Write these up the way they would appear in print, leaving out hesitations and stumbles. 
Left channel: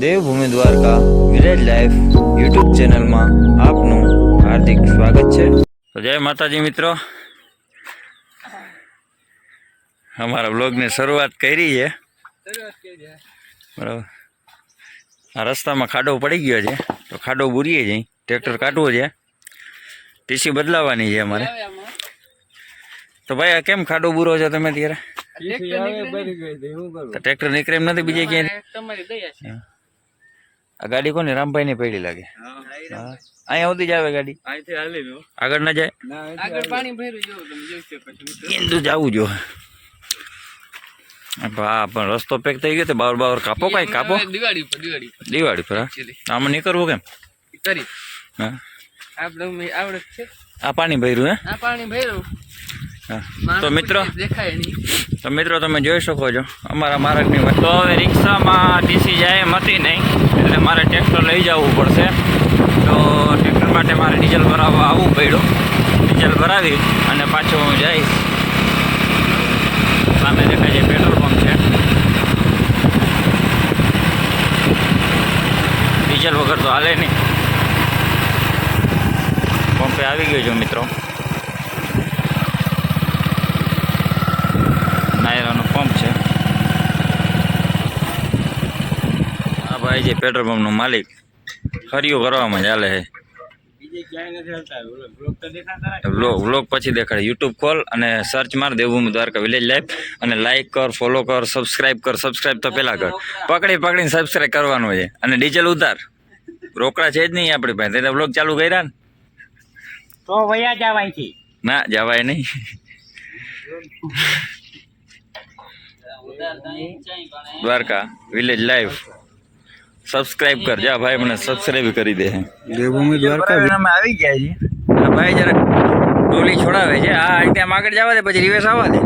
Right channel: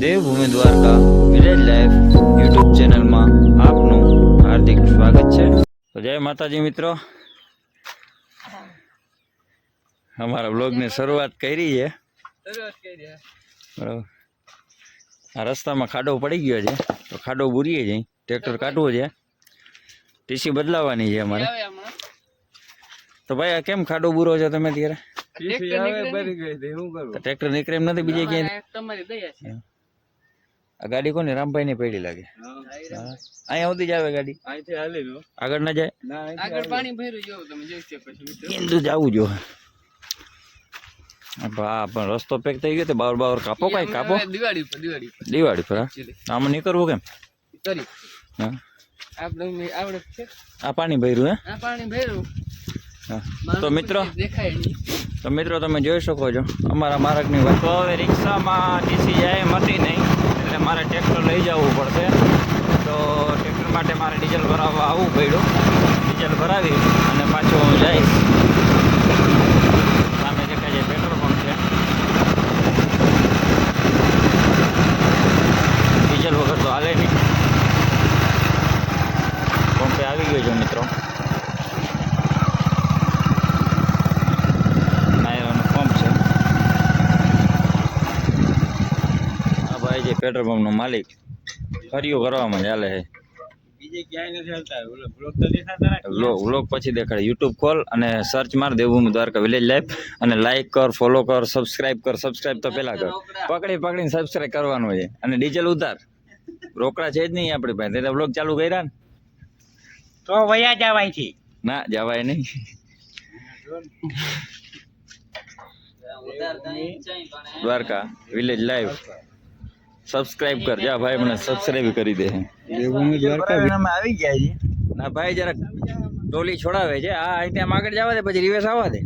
Devbhumi Dwarka village life YouTube ચેનલમાં આપનું હાર્દિક સ્વાગત છે। તો જય માતાજી મિત્રો, અમારા બ્લોગની શરૂઆત કરી છે બરાબર। આ રસ્તામાં ખાડો પડી ગયો છે તો ખાડો બુરીએ જઈ ટ્રેક્ટર કાઢવો છે, ટીસી બદલાવવાની છે અમારે। તો ભાઈ આ કેમ ખાડો બુરો છો તમે ત્યારે? ટ્રેક્ટર નીકળે એમ નથી બીજે ક્યાંય? આ ગાડી કોની? રામભાઈ ની પડી લાગે। અહીંયા સુધી જ આવે ગાડી, આગળ ના જાય? ઇન્દુ જવું જો હા, પણ રસ્તો પેક થઈ ગયો, બાવર બાવર કાપો, કઈ કાપો દિવાળી પર। આમાં નીકળવું કેમ? આ પાણી ભર્યું હે? તો મિત્રો તમે જોઈ શકો છો અમારા માર્ગની વાત। તો હવે રિક્ષામાં ટીસી જાય એમ હતી નહીં, એટલે મારે ટ્રેક્ટર લઈ જવું પડશે। તો ટ્રેક્ટર માટે મારે ડીઝલ ભરાવવા આવવું પડ્યું। ડીઝલ ભરાવી અને પાછો હું જઈશ। સામે દેખાય છે પેટ્રોલ પંપ છે, ડીઝલ વગર તો હાલે નહીં। પંપે આવી ગયો છું મિત્રો, નાયરાનો પંપ છે। આ ભાઈ છે પેટ્રોલ પંપનો માલિક, ફરીઓ કરવામાં ચાલે છે। વ્લોગ પછી દેખાડે। યુટ્યુબ ખોલ અને સર્ચ માર દેવભૂમિ દ્વારકા વિલેજ લાઈફ, અને લાઈક કર, ફોલો કર, સબસ્ક્રાઈબ કર। સબસ્ક્રાઈબ તો પેલા કર, પકડીને સબસ્ક્રાઈબ કરવાનું છે। અને ડીઝલ ઉતાર, રોકડા છે જ નહીં આપણી પાસે। તે વ્લોગ ચાલુ કર્યા ને તો વયા જવાય છે? ના જવાય નહીં। દ્વારકા વિલેજ લાઈફ સબસ્ક્રાઇબ કર જા ભાઈ, મને સબસ્ક્રાઇબ કરી દે। દેવભૂમિ દ્વારકા અમે આવી ગયા છીએ। આ ભાઈ જરાક ટોલી છોડાવે છે। આ રીતે આમ આગળ જવા દે, પછી રિવેસ આવવા દે।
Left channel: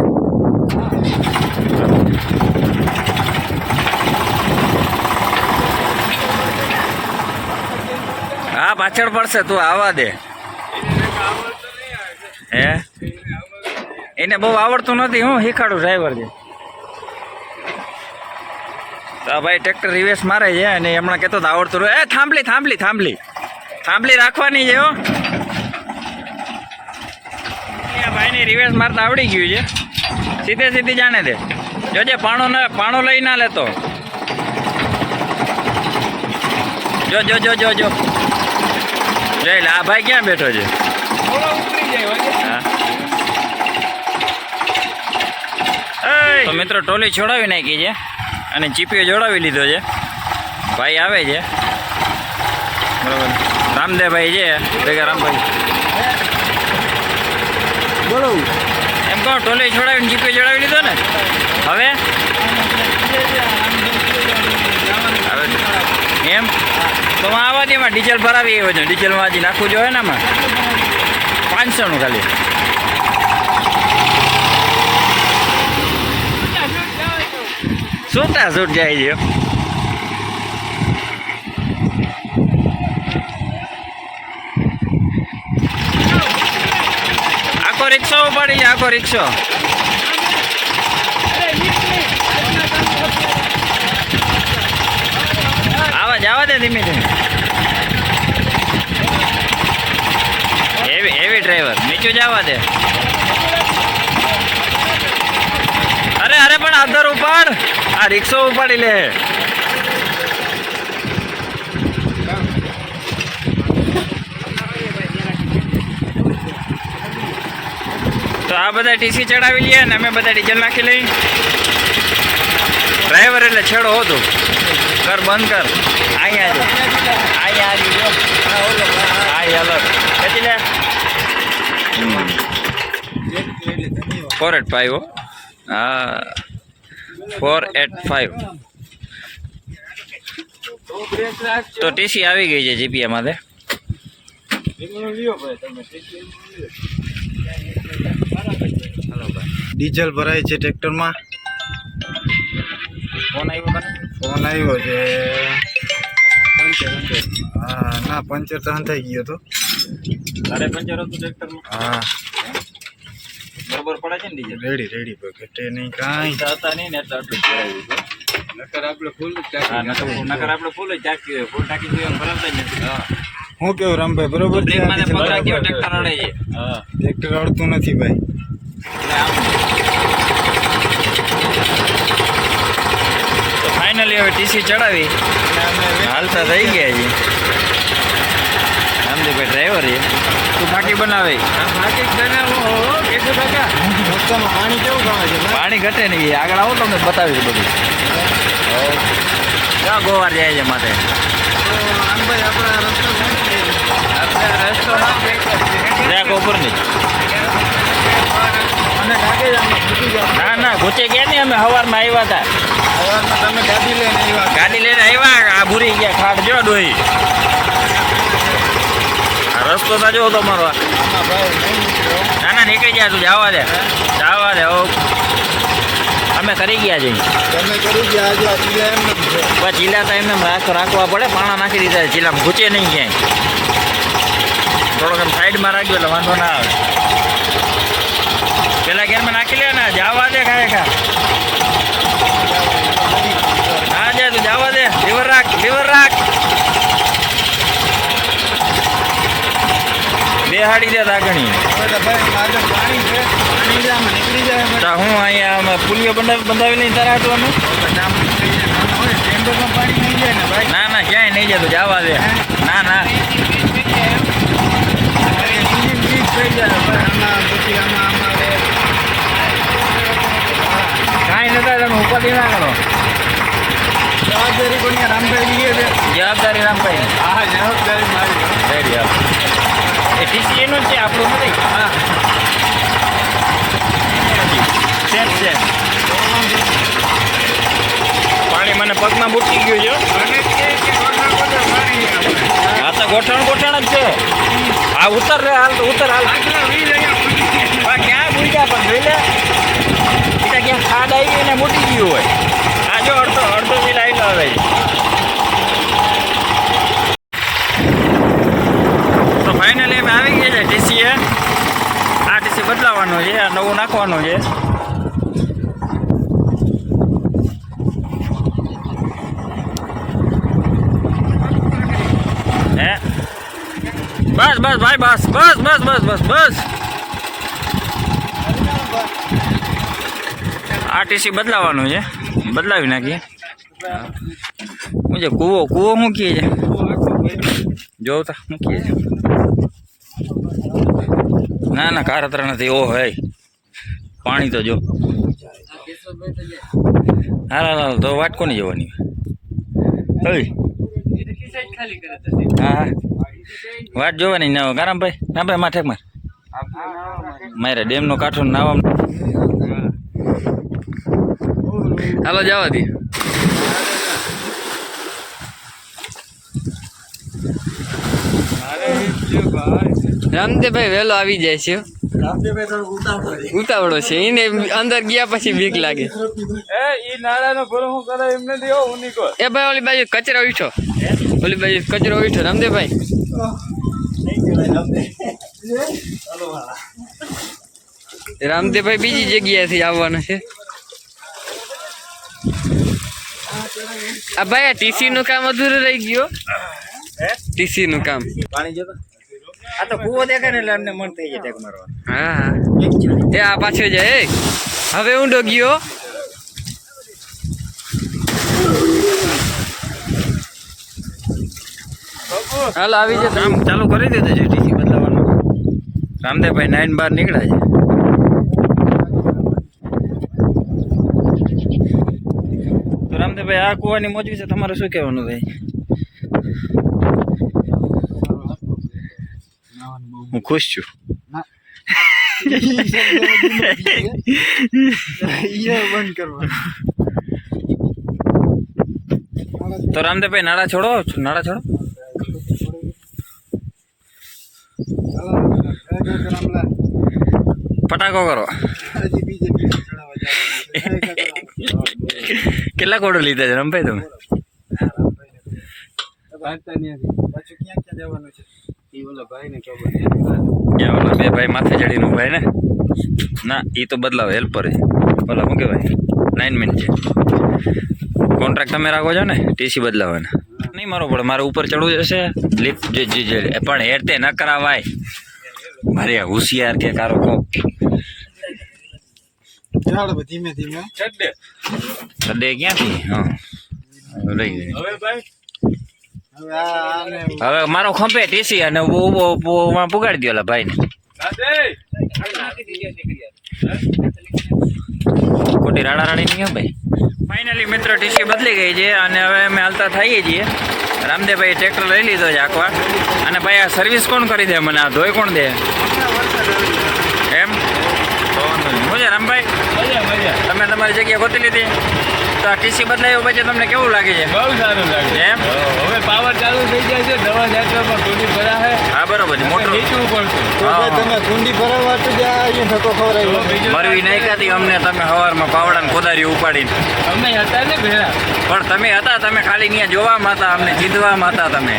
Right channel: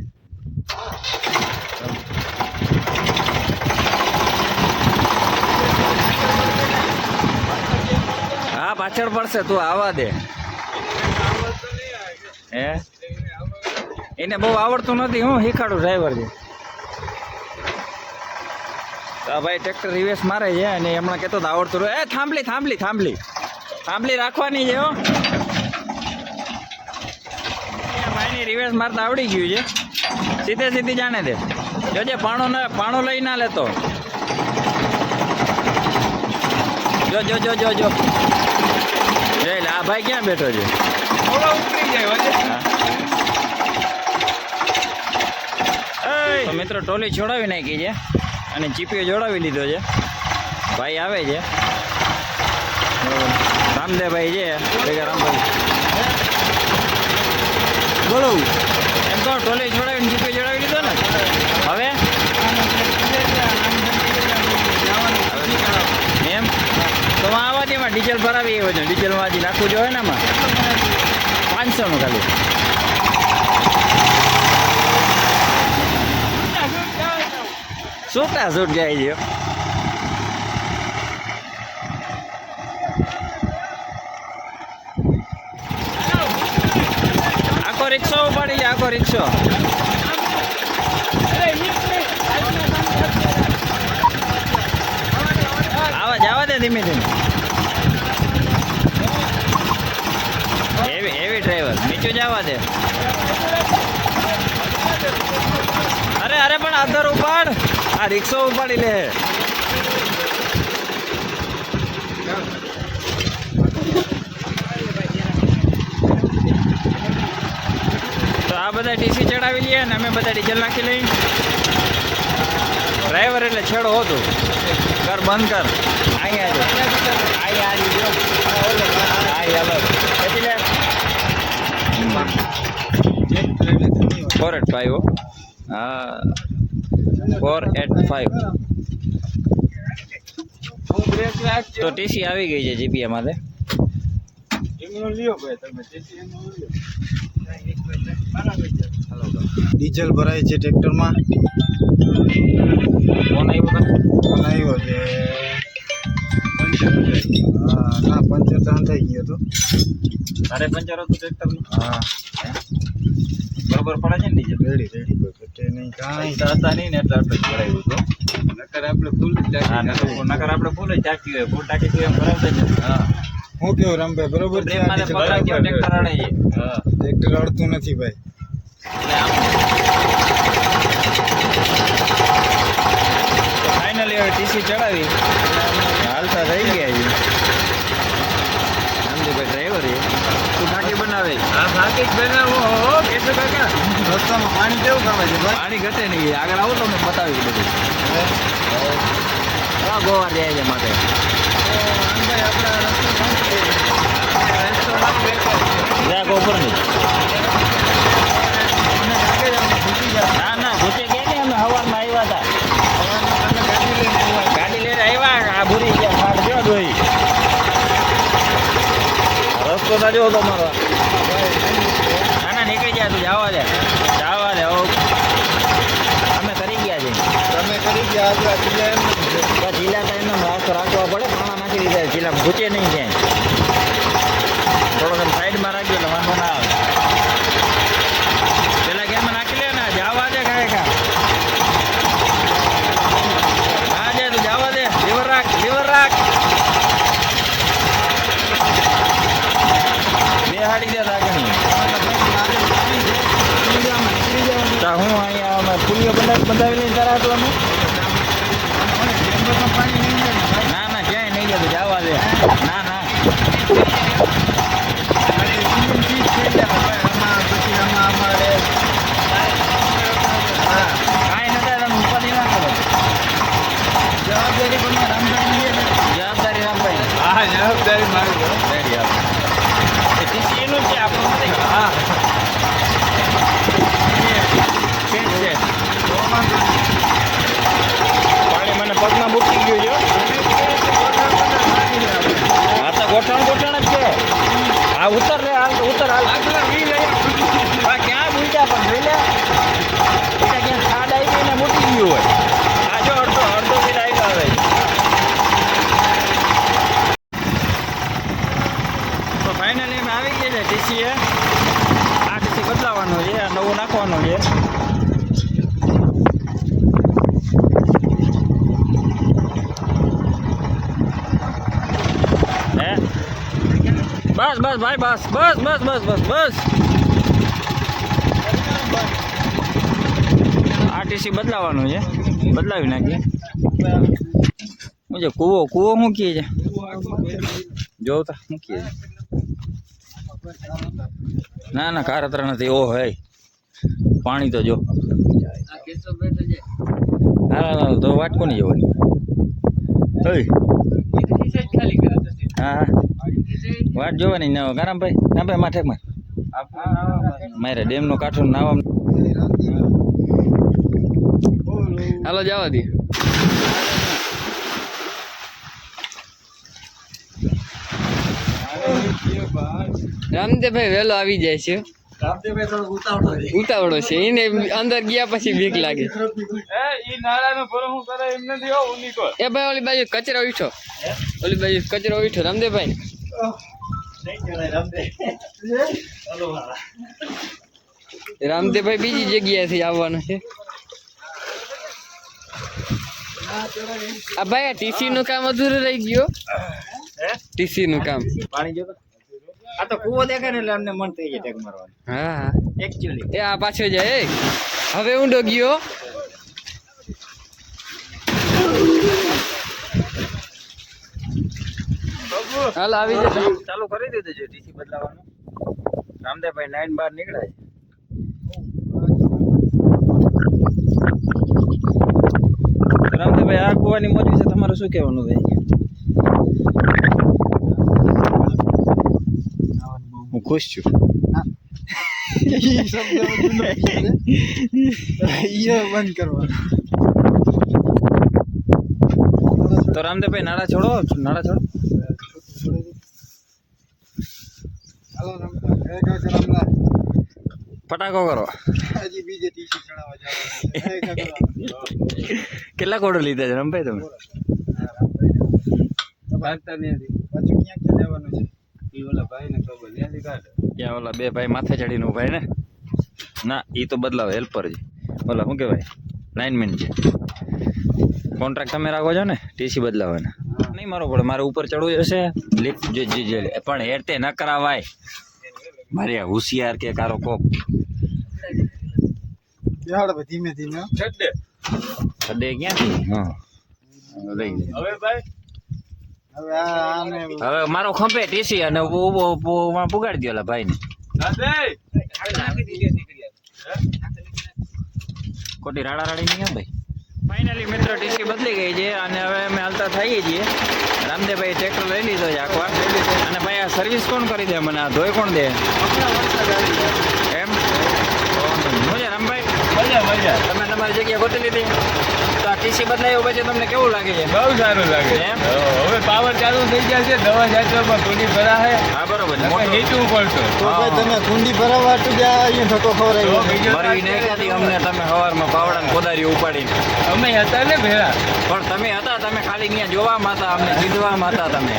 હા પાછળ પડશે, તું આવવા દે। હે એને બહુ આવડતું નથી, હું શીખાડું, ડ્રાઈવર છે। તો ભાઈ ટ્રેક્ટર રિવેસ મારે છે અને હમણાં કહેતો તો આવડતું રહ્યું। એ થાંભલી રાખવાની છે હો। ભાઈની રિવેસ મારતા આવડી ગયું છે, સીધી જાણે દે। જોજે પાણો લઈ ના લેતો। જો જોઈ લે, આ ભાઈ ક્યાં બેઠો છે? તો મિત્રો ટોલી છોડાવી નાખી છે અને ચીપીઓ જોડાવી લીધો છે। ભાઈ આવે છે બરાબર, રામદેવભાઈ છે ભેગા। રામભાઈ બોલો, એમ કહો ટોલી છોડાવીને ચીપીઓ જોડાવી લીધો ને? હવે એમ તો આવા દે, એમાં ડીઝલ ભરાવી આવ્યો છે। ડીઝલમાં હજી નાખવું જોઈએ ને, આમાં 500નું ખાલી। છૂટ જાય છે। આખો રિક્ષો ઉપાડી છે, આખો રિક્ષો। જવા દે ધીમે હેવી ડ્રાઈવર, નીચું જવા દે। અરે પણ આધાર ઉપાડ, આ રિક્ષો ઉપાડી લે। તો આ બધા ટીસી ચડાવી લઈએ ને અમે બધા ડીઝલ નાખી લઈએ। ડ્રાઈવર એટલે છેડો હોતું, કર બંધ કર। અહીંયા છે, અહીંયા અલગ ખેંચી લે। 485 હા 485। તો ટીસી આવી ગઈ છે જીપીએ માટે। ડીઝલ ભરાય છે ટ્રેક્ટરમાં। ફોન આવ્યો છે? હા ના, પંચર તો થઈ ગયો હતો। તારે પંચર હતું ટ્રેક્ટરમાં? હા બરોબર પડે છે ને ડીઝલ? રેડી પર ઘટે નહીં કાંઈ હતા નહીં ને એટલે આટલું કરાવ્યું હતું। હા નકર આપણે ફૂલ જ ટાંકી હોય ફૂલ ટાંકી જોઈએ એમ ભરાવતા જ નથી હા હું કેવું રામભાઈ બરોબર છે આ બ્રેકમાં ડીઝલ પકડાઈ ગયો બરાબર? ટ્રેક્ટર અડે છે હા ટ્રેક્ટર અડતું નથી ભાઈ. તો ફાઇનલી હવે ટીસી ચડાવી હાલતા થઈ ગયા છે રામજીભાઈ ડ્રાઈવર છે તું ફાંકી બનાવે રસ્તામાં પાણી કેવું ગમે છે ભાઈ? પાણી ઘટે નહીં આગળ આવો તમને બતાવી બધું ક્યાં ગોવાર જાય છે માથે જરાક ઉપર નહીં ના ના ઘૂચે ગયા નહીં અમે સવારમાં આવ્યા હતા ગાડી લઈને આવ્યા આ ભૂરી ગયા ખાટ જો ડોહી આ રસ્તો તો જો તમારો ના ના નીકળી જાય તું જવા દે હો અમે કરી ગયા છીએ તમે કરી ગયા આજે આપણે એમ નથી. બસ ચીલા તો એમને રાખવા પડે પાણા નાખી દીધા ચીલા ઘૂચે નહીં ક્યાંય થોડોક આમ સાઈડમાં રાખજો એટલે વાંધો ના આવે પેલા ગેરમાં નાખી લે ને જવા દે ખાય ખા હા જાય તું જવા દે લીવર રાખ બેહાડી દે તાગણી એટલે ભાઈ આગળ પાણી છે પાણી છે, આમ નીકળી જાય તો હું અહીંયા અમે પુલિયો બંધાવી લઈને તારા હાટવાનું ટેન્ડરમાં પાણી નહીં જાય ને ભાઈ. ના ના ક્યાંય નહીં જતું જવા દે ના ના engine ઠીક થઈ જાય ભાઈ. આમાં પછી અમારે કાંઈ નતા તમે ઉપાધિ ના કરો જવાબદારી પણ રામભાઈ લઈએ છે. જવાબદારી રામભાઈ હા જવાબદારી મારી છે. એ ટીસી એનું જ છે આપણું નથી હા છે પાણી મને પગમાં બુટી ગયું છે હા તો ગોઠણ જ છે હા ઉતર રે હાલ તો ઉતર હાલ હા ક્યાં બુટ્યા પણ જોઈ લે એટલે ક્યાં ખાડ આવી ગઈ ને બુટી ગયું હોય આ જો અડધો બી લાઈટ આવે તો ફાઇનલી અમે આવી ગયા છે ટીસીએ આ ટીસી બદલાવાનું છે આ નવું નાખવાનું છે હે બસ ભાઈ બસ આ ટીસી બદલાવાનું છે બદલાવી નાખીએ હું છે કૂવો મૂકીએ છે જોતા મૂકીએ છે ના કારતરા નથી ઓ હે પાણી તો જો હા તો વાટકો નહીં જવાની ઓય હા વાટ જોવાની ના કારામભાઈ ના ભાઈ માથે મારે ડેમનો કાંઠો નાવા હાલો જવા દે રામદેવભાઈ વહેલો આવી જાય છે ઉતાવળો છે એને અંદર ગયા પછી બીક લાગે એ ભાઈ ઓલી બાજુ કચરો ઉઠો રામદેવભાઈ રામદેવભાઈ બીજી જગ્યાએથી આવવાનું છે આ ભાઈ આ ટીસી નું કામ અધૂરું રહી ગયું ટીસી નું કામ પાણી જોતો આ તો કૂવો દેખાય ને એટલે અમને મન થઈ જાય ટેક મારવાનું હા એકચ્યુઅલી એ આ પાછળ જાય એ. હવે ઊંડો ગયો હાલ આવી જાય કામ ચાલુ કરી દીધું છે ટીસી બદલાવાનું રામદેવભાઈ 9 બાર નીકળ્યા છે તો રામદેવભાઈ આ કૂવાની મોજ વિશે તમારે શું કહેવાનું ભાઈ હું ખુશ છું બંધ કરવા તો રામદેવભાઈ નાળા છોડો ફટાકો કરો હજી બીજે દિવસે ચડાવવા જવાનું. કેટલા કોડો લીધા છે રામભાઈ તમે ભાગતા નહીં હતી. પાછું ક્યાં જવાનું છે એ ઓલા ભાઈને ખબર છે. ક્યાં ઓલા બે ભાઈ માથે ચડીને ભાઈ ને ના એ તો બદલાવ હેલ્પર છે ઓલા શું કહેવાય લાઇનમેન છે. કોન્ટ્રાક્ટ તમે રાખો છો ને ટીસી બદલાવાના નહીં મારો પડે મારે ઉપર ચડવું જશે લિફ્ટ પણ હેરતે ન કરાવાય મારે હોશિયાર કે કારો કોક ચાલ હવે ધીમે ધીમે સડે ક્યાંથી હા લઈ ગઈ હવે આને હવે મારો ખંભે ટીસી અને પુગાડી દો ભાઈને ખોટી રાડા રાડી નહીં ભાઈ. ફાઇનલી મિત્ર ટીસી બદલી ગઈ છે અને હવે અમે હાલતા થઈએ છીએ. રામદેવભાઈ ટ્રેક્ટર લઈ લીધો છે આખવા અને ભાઈ આ સર્વિસ કોણ કરી દે મને આ ધોઈ કોણ દે એમ તો વાંધો નહીં. હું છે રામભાઈ તમે તમારી જગ્યા ગોતી લીધી તો આ ટીસી બદલાયું પછી તમને કેવું લાગે છે? બહુ સારું લાગે એમ હવે પાવર ચાલુ થઈ જાય છે દવા છાંટવામાં કુંડી ભરા છે હા બરોબર છે મોટું નીચું પડશે તો ભાઈ તમે કુંડી ભરાવા તો જ્યાં અહીંયા થતો ખવડાવ્યો મરવી નાખ્યાથી અમને તમે સવારમાં પાવડાને કોદારી ઉપાડીને અમે હતા ને ભેળા પણ તમે હતા તમે ખાલી ત્યાં જોવામાં હતા અમને ચીંધવામાં હતા તમે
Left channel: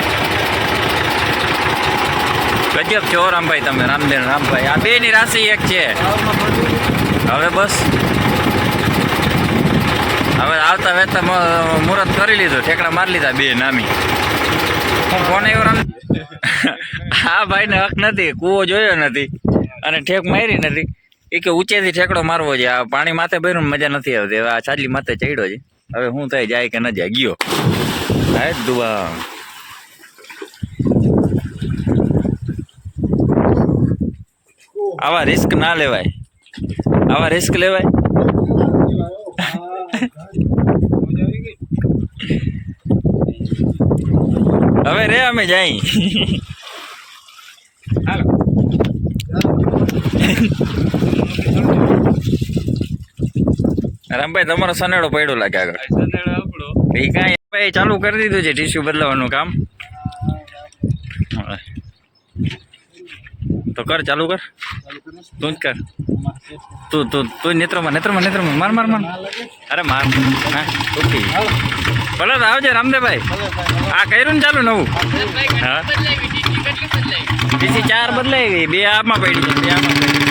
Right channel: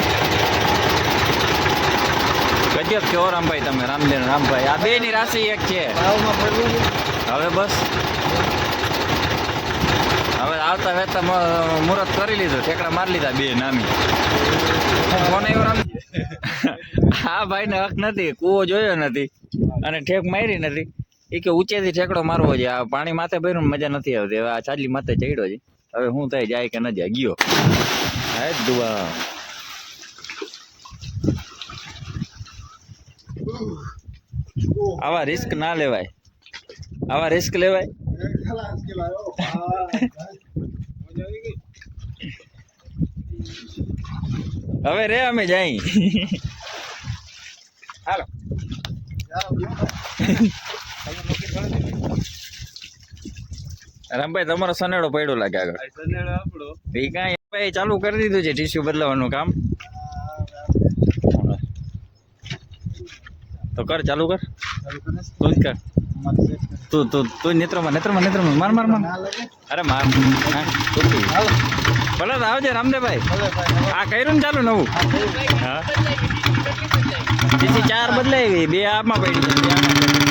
ગજબ છો રામભાઈ તમે રામભાઈ આ બેની રાશિ એક છે હવે બસ હવે આવતા વેતા મુહૂર્ત કરી લીધું ઠેકડા મારી લીધા બે નામી કોને એવો રામ આ ભાઈને હક નથી કૂવો જોયો નથી અને ઠેક મારી નથી એ કે ઊંચેથી ઠેકડો મારવો છે આ પાણી માથે ભર્યું મજા નથી આવતી હવે આ છાજલી માથે ચડ્યો છે હવે શું થાય જાય કે ન જાય ગયો હા દુઆ આવા રિસ્ક ના લેવાય આવા રિસ્ક લેવાય હવે રે અમે જાય હાલો રામભાઈ તમારો સનેડો પડ્યો લાગે આગળ એ કાંઈ ભાઈ ચાલુ કરી દીધું છે ટીસ્યુ બદલાવાનું કામ તો કર ચાલુ કર તું જ કર તું નેત્રમાં માર અરે માર હા ઓકે ભલે તો આવજે રામદેવભાઈ આ કર્યું ને ચાલુ નવું હા ટીસી 4 બદલાઈ ગઈ 2 આમાં પડી છે 2 આમાં પડી